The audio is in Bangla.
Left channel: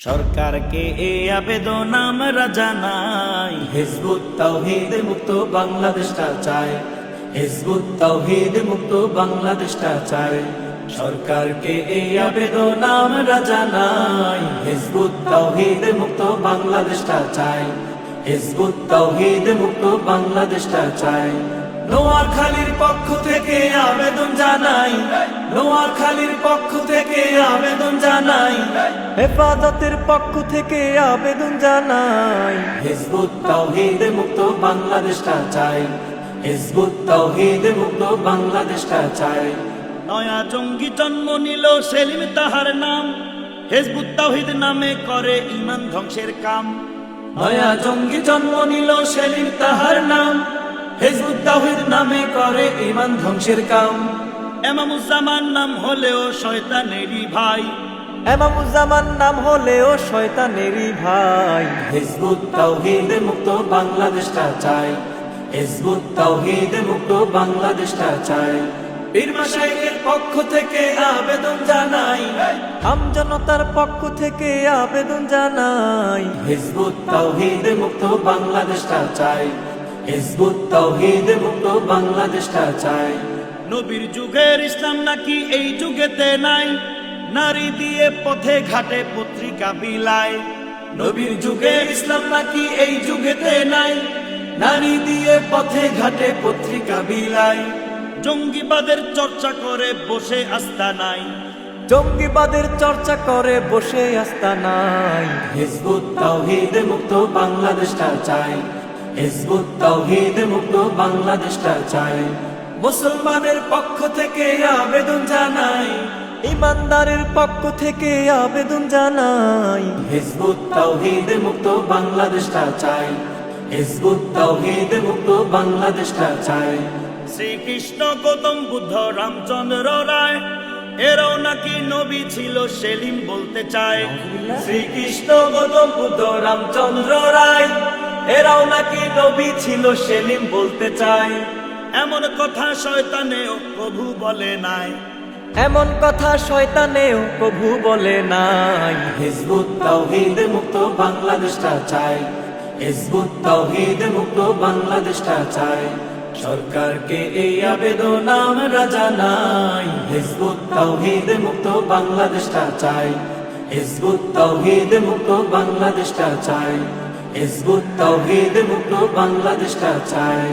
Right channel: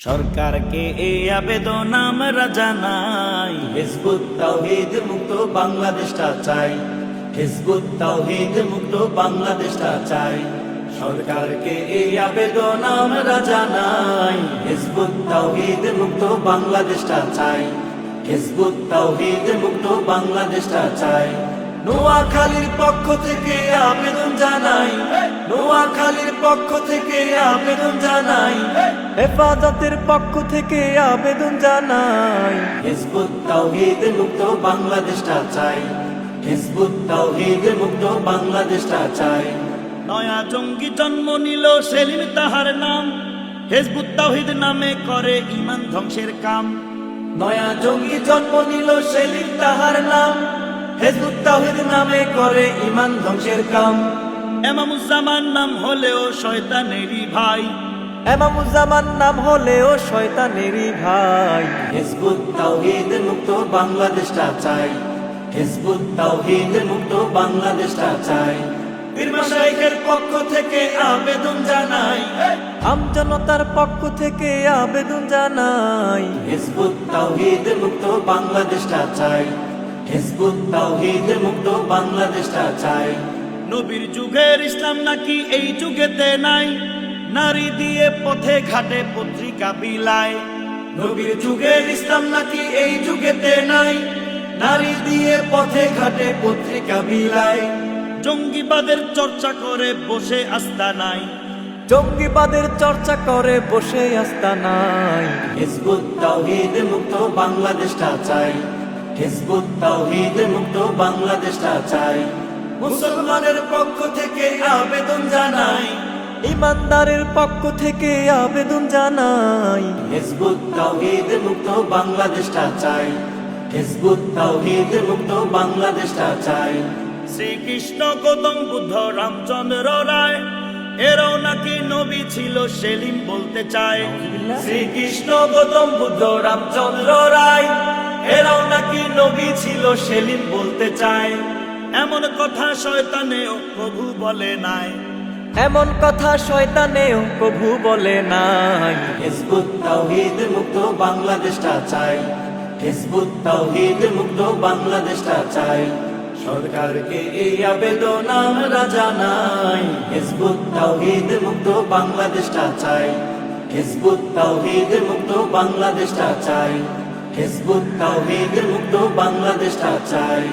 সরকারকে এই আবেদন আমরা জানাই, হিজবুত তাওহীদ মুক্ত বাংলাদেশটা চাই, হিজবুত তাওহীদ মুক্ত বাংলাদেশটা চাই। সরকারকে এই আবেদন আমরা জানাই, হিজবুত তাওহীদ মুক্ত বাংলাদেশটা চাই, হিজবুত তাওহীদ মুক্ত বাংলাদেশটা চাই। নোয়াখালীর পক্ষ থেকে আবেদন জানাই, নোয়াখালীর পক্ষ থেকে আবেদন জানাই, হেফাজতের পক্ষ থেকে আবেদন জানাই, হিজবুত তাওহীদ মুক্ত বাংলাদেশটা চাই, হিজবুত তাওহীদ মুক্ত বাংলাদেশটা চাই। নয়া জঙ্গি জন্ম নিল সেলিম তাহার নাম, হিজবুত তাওহীদ নামে করে ঈমান ধ্বংসের কাম। নয়া জঙ্গি জন্ম নিল সেলিম তাহার নাম, হিজবুত তাওহীদ নামে করে ঈমান ধ্বংসের কাম। এমামুজ্জামান নাম হলেও শয়তানেরই ভাই, এমামুজ্জামান নাম হলেও শয়তানেরই ভাই। হিজবুত তাওহীদ মুক্ত বাংলাদেশটা চাই, হিজবুত তাওহীদ মুক্ত বাংলাদেশটা চাই। পীর মাশায়েখের পক্ষ থেকে আবেদন জানাই, আমজনতার পক্ষ থেকে আবেদন জানাই, হিজবুত তাওহীদ মুক্ত বাংলাদেশটা চাই, হিজবুত তাওহীদ মুক্ত বাংলাদেশটা চাই। নবীর যুগের ইসলাম নাকি এই যুগেতে নাই, নারী দিয়ে পথে ঘাটে পত্রিকা বিলায়। নবীর যুগের ইসলাম নাকি এই যুগেতে নাই, নারী দিয়ে পথে ঘাটে পত্রিকা বিলায়। জঙ্গিবাদের চর্চা করে বসে আস্থা নাই, জঙ্গিবাদের চর্চা করে বসে আস্তানাই। হিজবুত তাওহীদ মুক্ত বাংলাদেশটা চাই, হিজবুত তাওহীদ মুক্ত বাংলাদেশটা চাই। মুসলমানের পক্ষ থেকে আবেদন জানাই, ইমানদারের পক্ষ থেকে আবেদন জানাই, হিজবুত তাওহীদ মুক্ত বাংলাদেশটা চাই, হিজবুত তাওহীদ মুক্ত বাংলাদেশটা চাই। শ্রীকৃষ্ণ গৌতম বুদ্ধ রামচন্দ্র রায় এরাও নাকি নবী ছিল সেলিম বলতে চায়। শ্রীকৃষ্ণ গৌতম বুদ্ধ রামচন্দ্র রায় এরাও নাকি নবী ছিল সেলিম বলতে চায়। এমন কথা শয়তানেও প্রভু বলে নাই, এমন কথা শয়তানেও প্রভু বলে নাই। হিজবুত তাওহীদ মুক্ত বাংলাদেশটা চাই, হিজবুত তাওহীদ মুক্ত বাংলাদেশটা চাই। সরকারকে এই আবেদন আমরা জানাই, হিজবুত তাওহীদ মুক্ত বাংলাদেশটা চাই, হিজবুত তাওহীদ মুক্ত বাংলাদেশটা চাই, হিজবুত তাওহীদ মুক্ত বাংলাদেশটা চাই।